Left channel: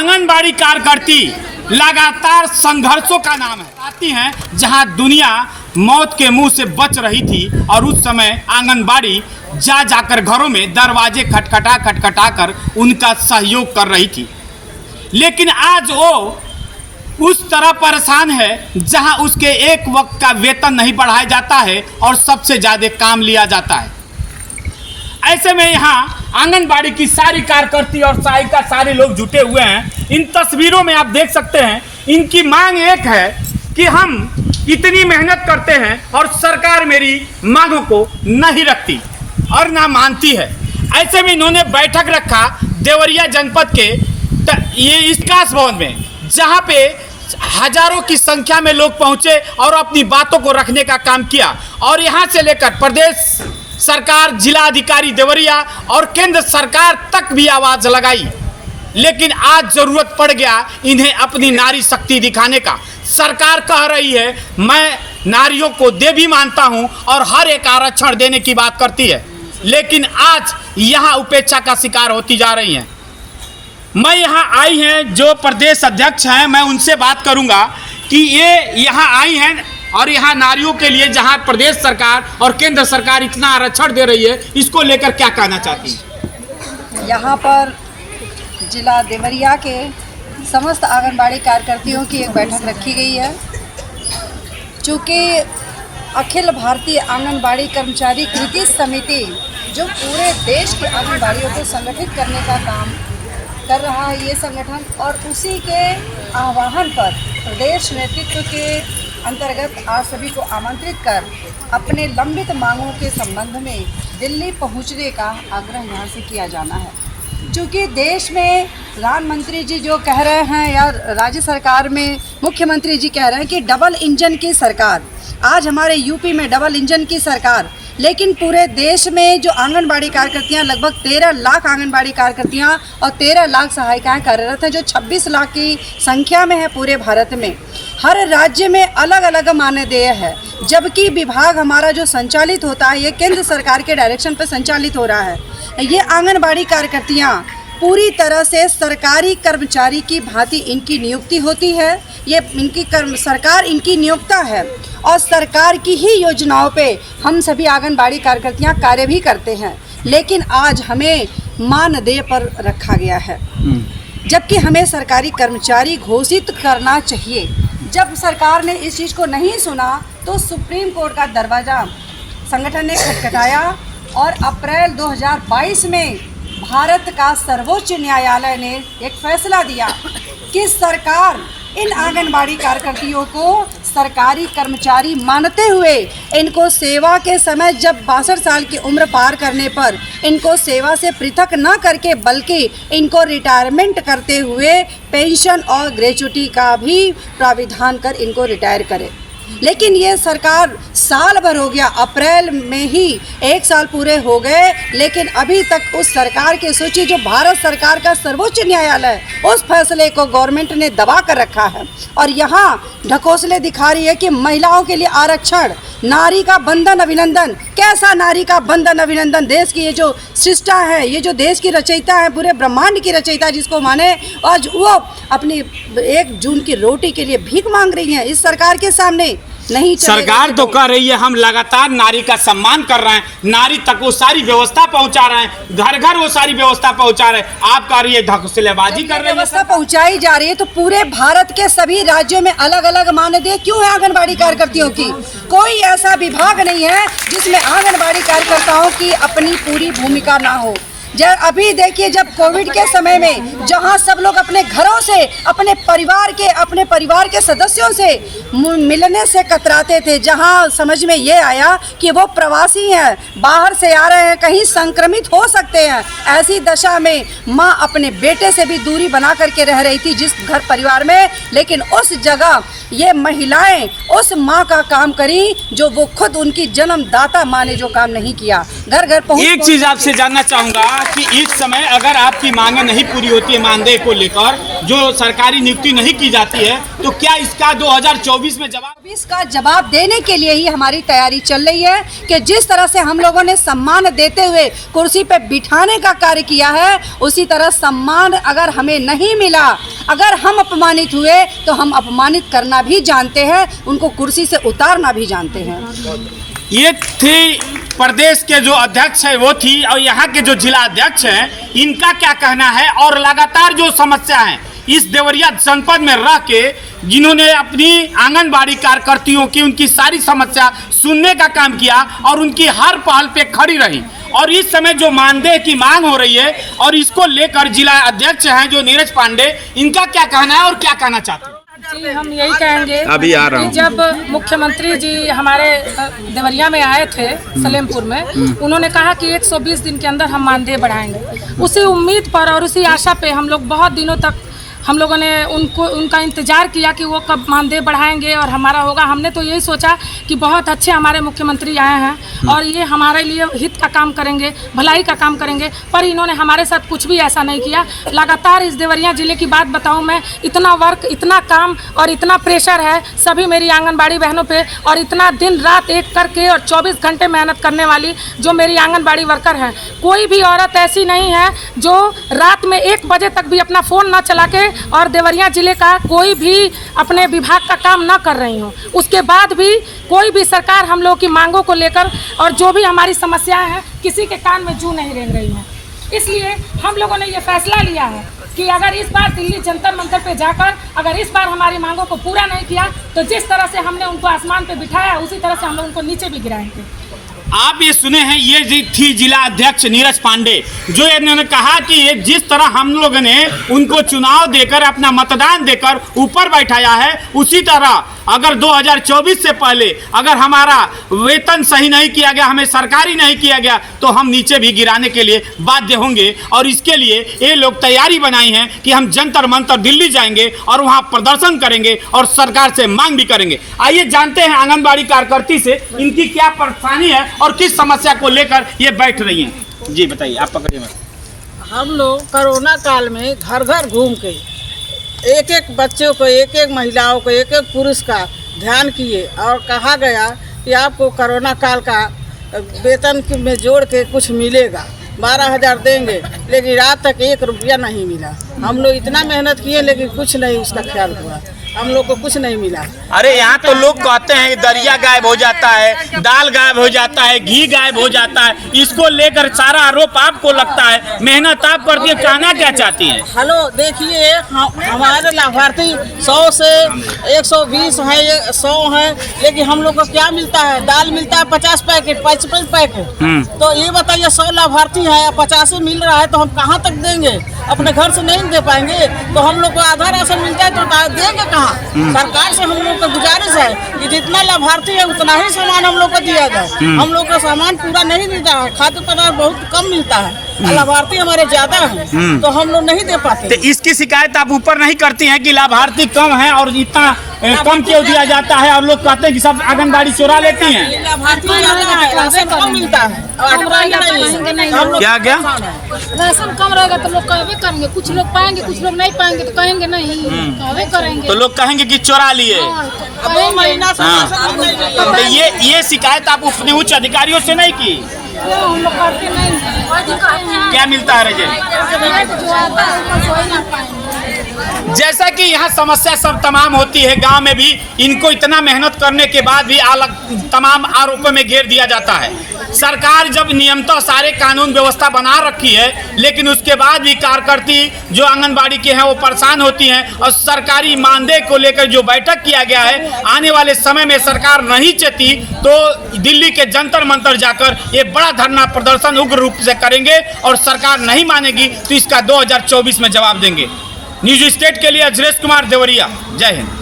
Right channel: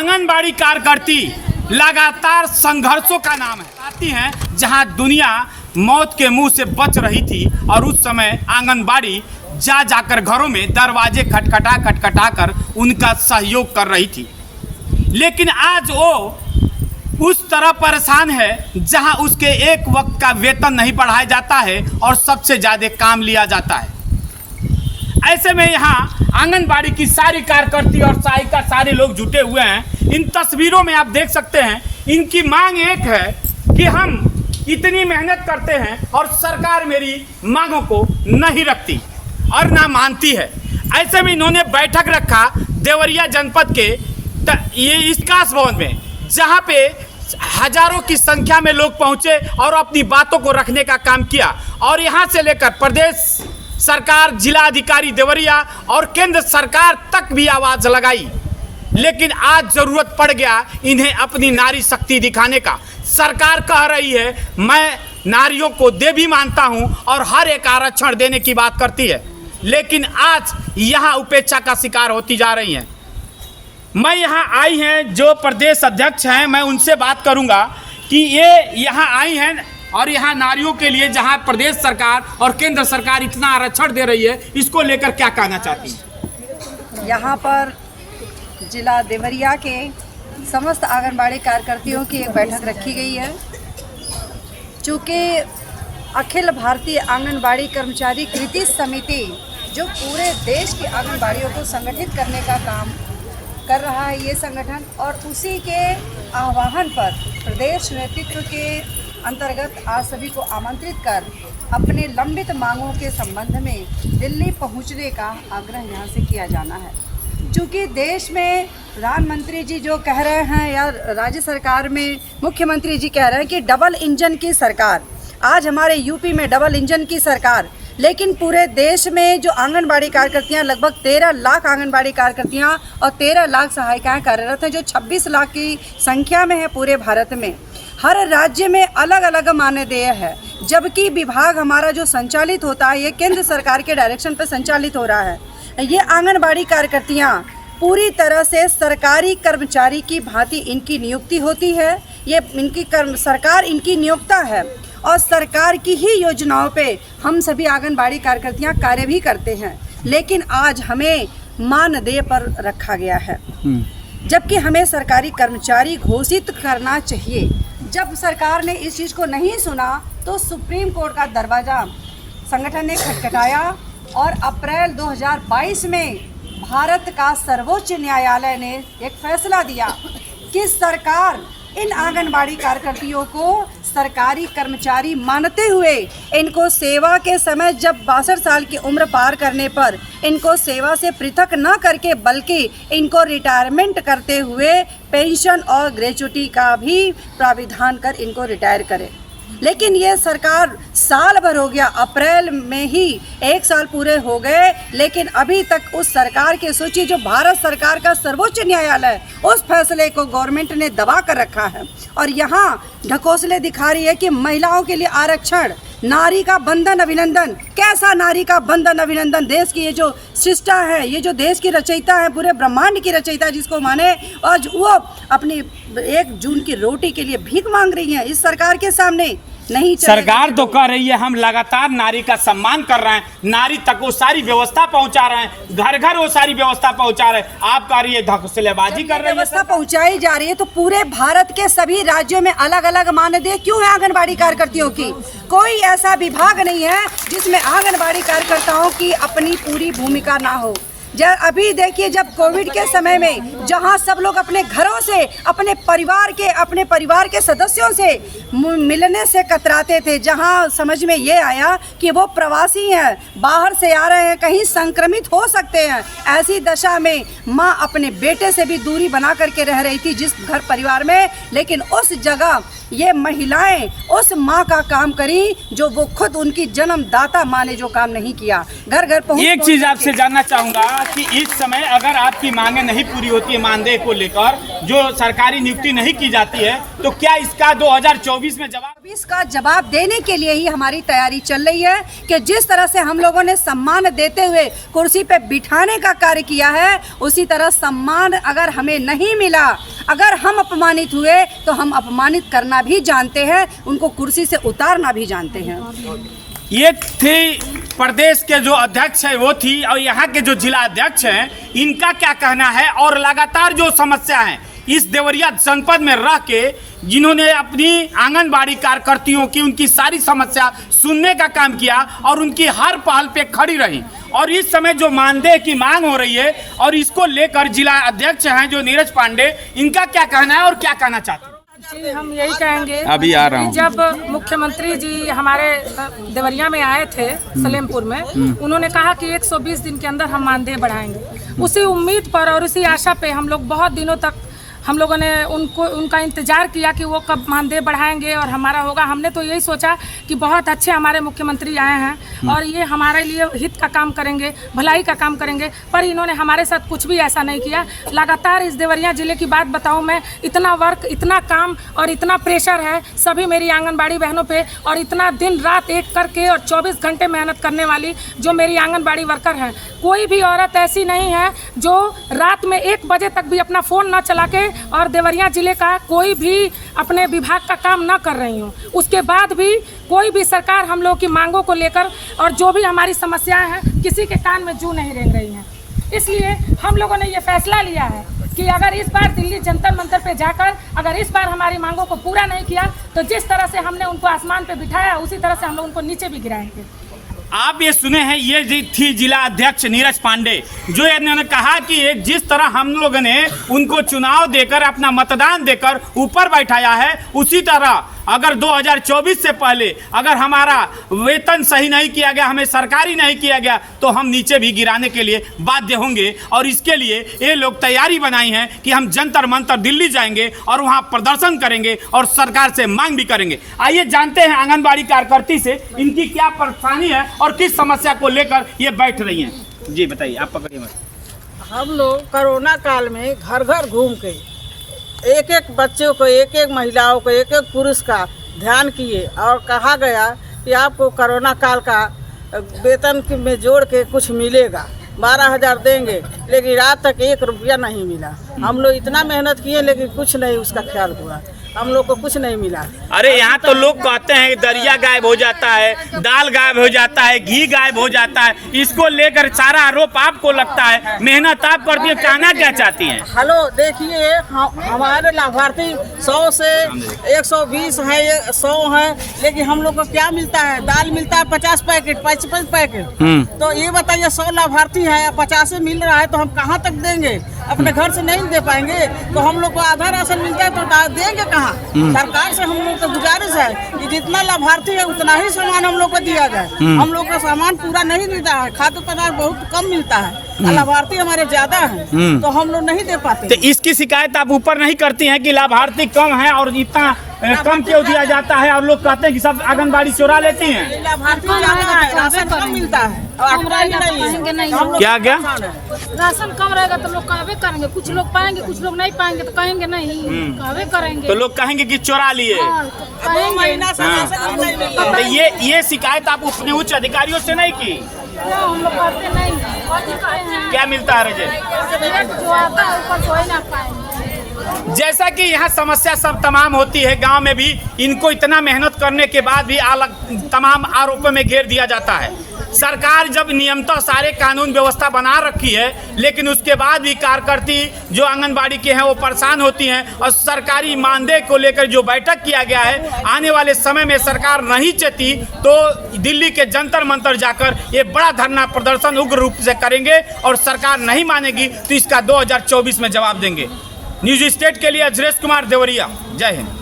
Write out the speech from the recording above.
आंगनबाड़ी कार्यकर्ती लगातार संघर्षों का नाम है। आती हैं जहां दुनिया मौत के मुंह से बच रही थी और उस समय आंगनबाड़ी जाकर घरों में दरवाजे खटखटा कर उनका सहयोग कर रही थी। लेकिन आज वो उस तरह परेशान है जहां उसके एक वक्त का वेतन नहीं बढ़ाया जाता है और सबसे ज़्यादा काम लिया जाता है। ऐसे में यहाँ आंगनबाड़ी की सारी कार्यकर्ती और सहायिका सारे लोग जुटे हुए हैं। इन तस्वीरों में आप देख सकते हैं इनकी मांग एक है कि हम इतनी मेहनत करते हैं और सरकार मेरी मांगों को नहीं रखती और ना मानती है। ऐसे में इन्होंने बैठक रखा देवरिया जनपद के ये इसकास भवन में, जहाँ पे हजारों की संख्या में लोग पहुंचे और अपनी बातों को रखने का काम किया। और यहाँ से लेकर प्रदेश सरकार, जिला अधिकारी देवरिया और केंद्र सरकार तक भी आवाज लगाई। लेकिन आज जरूरत पड़ गया इन्हें अपनी नारी शक्ति दिखाने का। सरकार कह रही है मैं नारियों को देवी मानता हूं और हर एक आरक्षण देने की बात करती है, लेकिन आज यहां उपेक्षा का शिकार होती जा रही हैं। मैं यहां आई हैं जो प्रदेश अध्यक्ष हैं, मैं उनसे बात करूंगा कि ये यहां आई हैं और यहाँ नारियों के लिए जहाँ प्रदेश सरकार और केंद्र सरकार इतना आरक्षण दे रही है, इसको लेकर क्या कहना चाहती है? यहाँ पर जिला देवरिया के समस्त आंगनबाड़ी कार्यकर्तियों की एक बैठक रखी गई है। चूँकि अखिल भारतीय आंगनबाड़ी कर्मचारी कृति समिति जो पूरे देश की आंगनबाड़ियों को संगठित करने का काम कर रहा है, ये संगठन, और उसी के आह्वान पर प्रदेश नेतृत्व के अंतर्गत आज सभी को आमंत्रित कर अपने लंबित मांगों के संबंध में दिल्ली पहुंचने का आग्रह यहाँ से किया जाना है। चूँकि देश में प्रधानमंत्री जी जो कह रहे हैं या राज्य सरकार में मुख्यमंत्री जी कह रहे हैं कि डबल इंजन की सरकार, आज हमारे यूपी में डबल इंजन की सरकार, लेकिन पूरे देश में जो आंगनबाड़ी कार्यकर्तियां, लगभग 13 लाख आंगनबाड़ी कार्यकर्तियां और 13 लाख सहायिकाएं कार्यरत हैं, जो 26 लाख की संख्या में है पूरे भारत में। हर राज्य में अलग अलग मानदेय है, जबकि विभाग हमारा जो संचालित होता है ये केंद्र सरकार के डायरेक्शन पर संचालित हो रहा है। ये आंगनबाड़ी कार्यकर्तियां पूरी तरह से सरकारी कर्मचारी की भांति इनकी नियुक्ति होती है। ये सरकार इनकी नियोक्ता है और सरकार की ही योजनाओं पे हम सभी आंगनबाड़ी कार्यकर्तियां कार्य भी करते हैं। लेकिन आज हमें मानदेय पर रखा गया है, जबकि हमें सरकारी कर्मचारी घोषित करना चाहिए। जब सरकार ने इस चीज़ को नहीं सुना तो सुप्रीम कोर्ट का दरवाज़ा संगठन ने खटखटाया और अप्रैल 2022 में भारत का सर्वोच्च न्यायालय ने एक फैसला दिया कि सरकार इन आंगनबाड़ी कार्यकर्तियों को सरकारी कर्मचारी मानते हुए इनको सेवा के समय जब 62 साल की उम्र पार करने पर इनको सेवा से पृथक न करके बल्कि इनको रिटायरमेंट करते हुए पेंशन और ग्रेच्युटी का भी प्राविधान कर इनको रिटायर करे। लेकिन ये सरकार साल भर हो गया, अप्रैल में ही 1 साल पूरे हो गए, लेकिन अभी तक उस सरकार की सूची जो भारत सरकार का सर्वोच्च न्यायालय उस फैसले को गवर्नमेंट ने दबा कर रखा है और यहाँ ढकोसले दिखा रही है कि महिलाओं के लिए आरक्षण, नारी का बंधन अभिनंदन। कैसा नारी का बंधन अभिनंदन? देश की ये जो सृष्टा है, ये जो देश की रचयिता है, पूरे ब्रह्मांड की रचयिता जिसको माने, आज वो अपनी 1 जून की रोटी के लिए भीख मांग रही है इस सरकार के सामने। नहीं, सरकार तो कह रही है हम लगातार नारी का सम्मान कर रहे हैं, नारी तक वो सारी व्यवस्था पहुंचा रहे हैं, घर घर वो सारी व्यवस्था पहुंचा रहे हैं। आप कह रही है ढकोसलेबाजी कर रही है। व्यवस्था पहुंचाई जा रही है तो पूरे भारत के सभी राज्यों में अलग अलग मानदेय क्यों है आंगनबाड़ी कार्यकर्तियों की? कोई ऐसा विभाग नहीं है जिसमें आंगनबाड़ी कार्यकर्ताओं की अपनी पूरी भूमिका ना हो। जब अभी देखिए, जब कोविड के समय में जहां सब लोग अपने घरों से अपने परिवार के सदस्यों से मिलने से कतराते थे, जहां समझ में ये आया कि वो प्रवासी हैं, बाहर से आ रहे हैं, कहीं संक्रमित हो सकते हैं, ऐसी दशा में माँ अपने बेटे से भी दूरी बना करके रह रही थी जिस घर परिवार में, लेकिन उस जगह ये महिलाएं उस माँ का काम करी जो वो खुद उनकी जन्मदाता माँ ने जो काम नहीं किया। घर घर पहुंच। एक चीज आपसे जानना चाहूंगा कि इस समय अगर आपकी मांगे नहीं पूरी होती है मानदेय को लेकर, जो सरकारी नियुक्ति नहीं की जाती है, तो क्या इसका 2024 में जवाब? इसका जवाब देने के लिए ही हमारी तैयारी चल रही है कि जिस तरह से हम लोगों ने सम्मान देते हुए कुर्सी पे बिठाने का कार्य किया है, उसी तरह सम्मान अगर हमें नहीं मिला, अगर हम अपमानित हुए तो हम अपमानित करना भी जानते हैं, उनको कुर्सी से उतारना भी जानते हैं। ये थी प्रदेश के जो अध्यक्ष है वो थी, और यहाँ के जो जिला अध्यक्ष हैं इनका क्या कहना है। और लगातार जो समस्या है इस देवरिया जनपद में रह के जिन्होंने अपनी आंगनबाड़ी कार्यकर्तियों की उनकी सारी समस्या सुनने का काम किया और उनकी हर पहल पे खड़ी रही, और इस समय जो मानदेय की मांग हो रही है और इसको लेकर जिला अध्यक्ष हैं जो नीरज पांडे, इन्का क्या कहना है और क्या कहना चाहते हैं? जी, हम यही कहेंगे अभी आ रहा हूं। कि जब मुख्यमंत्री जी हमारे देवरिया में आए थे सलेमपुर में, उन्होंने कहा कि 120 दिन के अंदर हम मानदेय बढ़ाएंगे। उसी उम्मीद पर और उसी आशा पे हम लोग बहुत दिनों तक हम लोगों ने उनका इंतज़ार किया कि वो कब मानदेय बढ़ाएंगे और हमारा होगा। हमने तो यही सोचा कि बहुत अच्छे हमारे मुख्यमंत्री आए हैं और ये हमारे लिए हित का काम करेंगे, भलाई का काम करेंगे, पर इन्होंने हमारे साथ कुछ भी ऐसा नहीं किया। लगातार इस देवरिया ज़िले की बात बताऊं मैं, इतना वर्क, इतना काम और इतना प्रेशर है सभी मेरी आंगनबाड़ी बहनों पे, और इतना दिन रात एक करके और 24 घंटे मेहनत करने वाली जो मेरी आंगनबाड़ी वर्कर हैं। कोई भी औरत ऐसी नहीं है जो रात में 1 बजे तक भी अपना फ़ोन ना चला के और देवरिया जिले का कोई भी अपने विभाग का काम ना कर रही हूँ। उसके बाद भी कोई भी सरकार हम लोगों की मांगों को लेकर और जो भी हमारी समस्याएं हैं किसी के कान में जू नहीं रेंग रही हैं। इसलिए हम लोगों ने ये फैसला लिया है कि अगर इस बार दिल्ली जंतर मंतर पे जाकर अगर इस बार हमारी मांगों को पूरा नहीं किया तो जिस तरह से हमने उनको आसमान पे बिठाया उसी तरह से हम लोग उनको नीचे भी गिराएंगे। आप ये सुने हैं, ये थी जिला अध्यक्ष नीरज पांडे, जो इन्होंने कहा कि ये जिस तरह हम लोगों ने उनको चुनाव देकर अपना मतदान देकर ऊपर बैठाया है, उसी तरह अगर 2024 से पहले अगर हमारा वेतन सही नहीं किया गया, हमें सरकारी नहीं किया गया, तो हम नीचे भी गिराने के लिए बाध्य होंगे। और इसके लिए ये लोग तैयारी बनाई है कि हम जंतर मंतर दिल्ली जाएंगे और वहाँ प्रदर्शन करेंगे और सरकार से मांग भी करेंगे। आइए जानते हैं आंगनबाड़ी कार्यकर्ती से इनकी क्या परेशानी है और किस समस्या को लेकर ये बैठ रही हैं। जी बताइए, आप पकड़िए। हम लोग कोरोना काल में घर घर घूम के एक एक बच्चों को, एक एक महिलाओं को, एक एक पुरुष का ध्यान किए और कहा गया कि आपको कोरोना काल का वेतन में जोड़ के कुछ मिलेगा, 12,000 देंगे, लेकिन रात तक 1 रुपया नहीं मिला। हम लोग इतना मेहनत किए लेकिन कुछ नहीं उसका ख्याल हुआ, हम लोग को कुछ नहीं मिला। अरे यहाँ तो लोग कहते हैं दरिया गायब हो जाता है, दाल गायब हो जाता है, घी गायब हो जाता है, इसको लेकर सारा आरोप आपको लगता है, मेहनत आप करती है, कहना क्या चाहती है? हेलो, देखिए हमारे लाभार्थी 100 से 120 हैं, 100 हैं, लेकिन हम लोग को क्या मिलता है? दाल मिलता है 50 पैकेट, 55 पैकेट। तो ये बताइए 100 लाभार्थी हैं, 50 मिल रहा है तो हम कहाँ तक देंगे? अपने घर से नहीं दे पाएंगे तो हम लोग को आधा राशन मिल जाए तो देंगे कहाँ? सरकार से हम लोग को गुजारिश है कि जितना लाभार्थी है उतना ही सामान हम लोग को दिया जाए। हम लोग को सामान पूरा नहीं मिलता है, खाद्य पदार्थ बहुत कम मिलता है, लाभार्थी हमारे ज्यादा हैं तो हम लोग नहीं दे पाते। तो इसकी शिकायत आप ऊपर नहीं करती हैं कि लाभार्थी कम है और इतना कम क्यों दिया जाता है, और लोग कहते हैं कि सब आंगनबाड़ी चुरा लेती हैं? लाभार्थी राशन कम मिलता है, क्या क्या राशन कम रहेगा तो लोग कहवे करेंगे, कुछ लोग पाएंगे कुछ लोग नहीं पाएंगे तो कहेंगे नहीं, कहवे करेंगे तो लोग कहेंगे कि चोरा लिए। 2 महीना से राशन नहीं मिला। तो ये शिकायत आप अपने उच्च अधिकारियों से नहीं की? हम लोग करके नहीं क्या मिलता है रजे? जो आता है उसको सोई ना पाएंगे। जैसा कि यहाँ समस्या सब तमाम होती है, गांव में भी इनको इतना मेहनत करने के बाद भी अलग तमाम आरोपों में घेर दिया जाता है। सरकार जब नियमतः सारे कानून व्यवस्था बना रखी है, लेकिन उसके बाद भी कार्यकर्ती जो आंगनबाड़ी के हैं वो परेशान होती हैं, और सरकारी मानदेय को लेकर जो बैठक किया गया है, आने वाले समय में सरकार नहीं चाहती तो दिल्ली के जंतर मंतर जाकर ये बड़ा धरना प्रदर्शन उग्र रूप से करेंगे, और सरकार नहीं मानेगी तो इसका 2024 में जवाब देंगे। न्यूज स्टेट के लिए अजरेश कुमार, देवरिया। जय हिंद।